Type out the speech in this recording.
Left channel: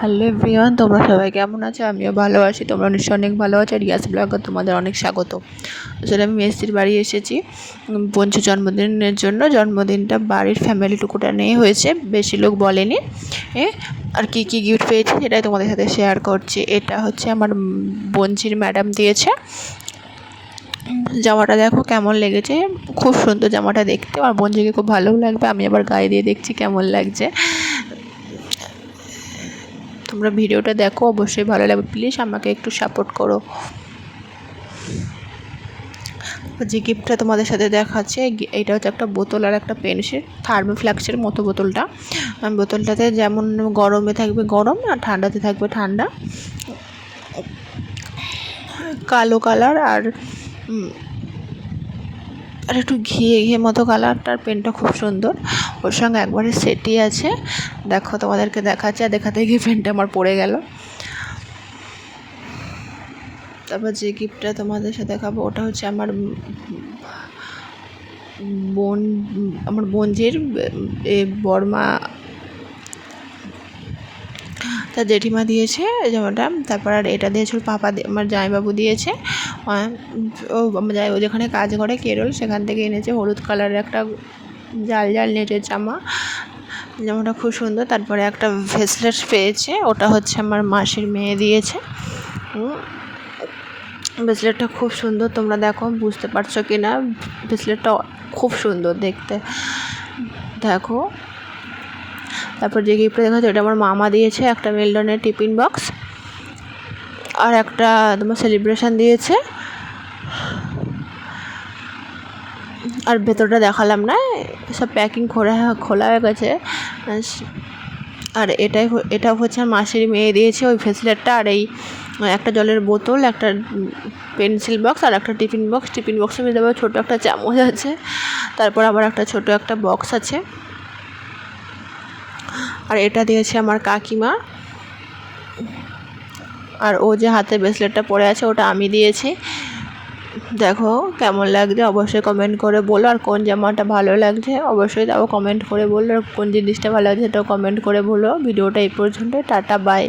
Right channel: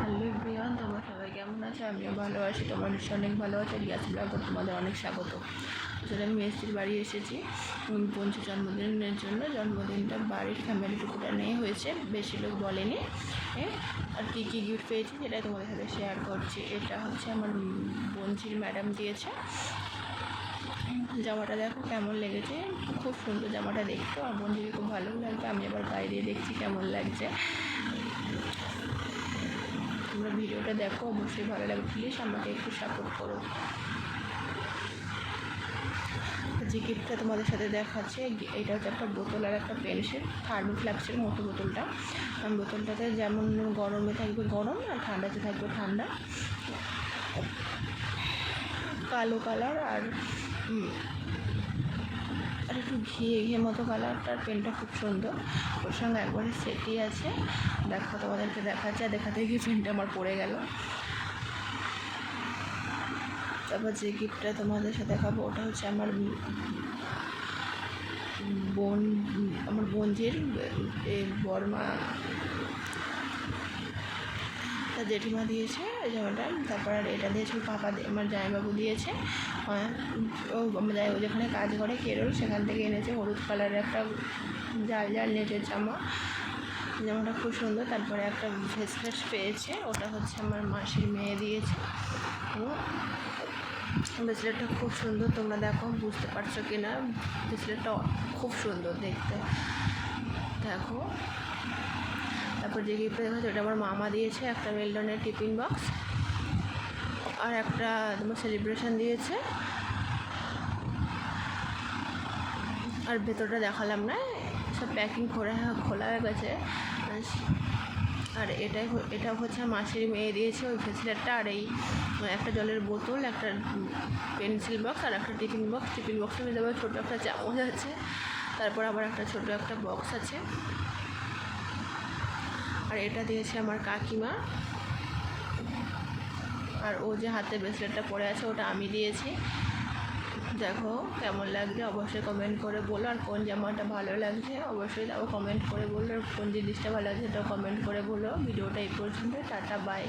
Hello everyone, তোমরা সবাই কেমন আছো? আমিও ভালো আছি, তোমরা নিশ্চয়ই অনেক ভালো আছো। রিয়াস ব্লগে তোমাদের অনেক স্বাগত। আসলে আমি মেস্তির বাড়ি এসেছি পঞ্চু জন্মদিনের জন্য। জন্মদিনটা বাড়ির ফ্যামিলি টুকুটা নিয়ে হয়েছে, বেশি লোক বলেনি। আর কি কি গিফট পেয়েছি সেটাই তোমাদের সাথে শেয়ার করছি। এটা হচ্ছে আমার বঞ্চির ম্যাডাম দিয়েছে। জামাটা দেখো কেমন লেগেছে। খুব সুন্দর জামাটা দেখতে। আর বঞ্জিকে খুব ভালো লাগবে, আমি আবার গায়ে দিয়ে দেখছি কেমন লাগছে। তোমরা ভিডিওটা দেখো, অবশ্যই ভালো লাগবে। প্লিজ আমাকে একটু সাপোর্ট করো। যে গিফটটা তোমাদের সাথে দেখাচ্ছে এটা হচ্ছে একটা বোতল আর একটা পেনসিল থার্মো ফ্লাক্সের মতো বোতলটা। বোতলটাতে যেমন গরমে থাকবে গরম, আর ঠান্ডাতে থাকবে ঠান্ডা। কালো কালার আর আর একটু ঘিয়ে ঘিয়ে মতো কালারটার পেনটা খুব সুন্দর। ওর সঙ্গে একবারে সেটি আছে। দেখো তোমাদেরকে দেখাচ্ছে, আর দেখাতে গিয়ে পেনটা আমার পড়ে গেল। তারপর যে গিফটটা তোমাদের সাথে দেখাবো, ওটা হচ্ছে আমার বোন, আমার বোনঝির এ, বর্মা তার জেঠিমা দিয়েছে জামাটা তারপর আর এটা দিয়েছে ওর পাপা আমার জামাইবাবু দিয়েছে। ও জামাই, ও যেখানে কাজ করে কেরল, সেখান থেকে এনেছে হলুদ কালারের একটা জাল জাল নেটের জামা। জামাটা খুব সুন্দর। তারপরে একটা ভেসলেট পেয়েছে, ওটা হচ্ছে আমার মাসির মেয়ে দিয়েছে। ব্রেসলেটটা খুব সুন্দর, তোমরা দেখো, বুঝতে পারছ কি না ব্রেসলেটটা খুব সুন্দর দেখতে। দেখো। তারপর যে গিফটটা দেখা যাচ্ছে ওটা আমার মামা দিয়েছে, একটা মেলডনের টিফিন বক্স আর একটা তোমার সেলিব্রেশন দিয়েছে। আর ভেতরটা দেখালাম না, সব প্যাকিং খোলা খোলা হয়ে গেছে। আর এটাই এটা হচ্ছে মাসির মেয়ে দিয়েছে ওই ফেসলেটটা আর এই, একটা জলের বোতল, একটা পেন্সিল বক্স আর একটা টিফিন বক্স টিফিন বক্সের মধ্যে আবার ছোটো একটা চামচ আছে, তারপর আবার একটা ছোট একটা বক্স আছে। এটা দিয়েছে আমার কাকিমা। আর ও যে হাতে ব্রেসলেটটা পরে আছে, ওটা আমি দিয়েছি। দেখো কেমন লাগছে, অবশ্যই কমেন্ট করে বলো। আর কোন জামাটা ভালো লাগছে, অবশ্যই তাও কমেন্ট করে বলো। আর কোন জিনিসটা ভালো লাগছে সেটাও কমেন্ট করে বলো। ভিডিওটা এই পর্যন্ত টাটা বাই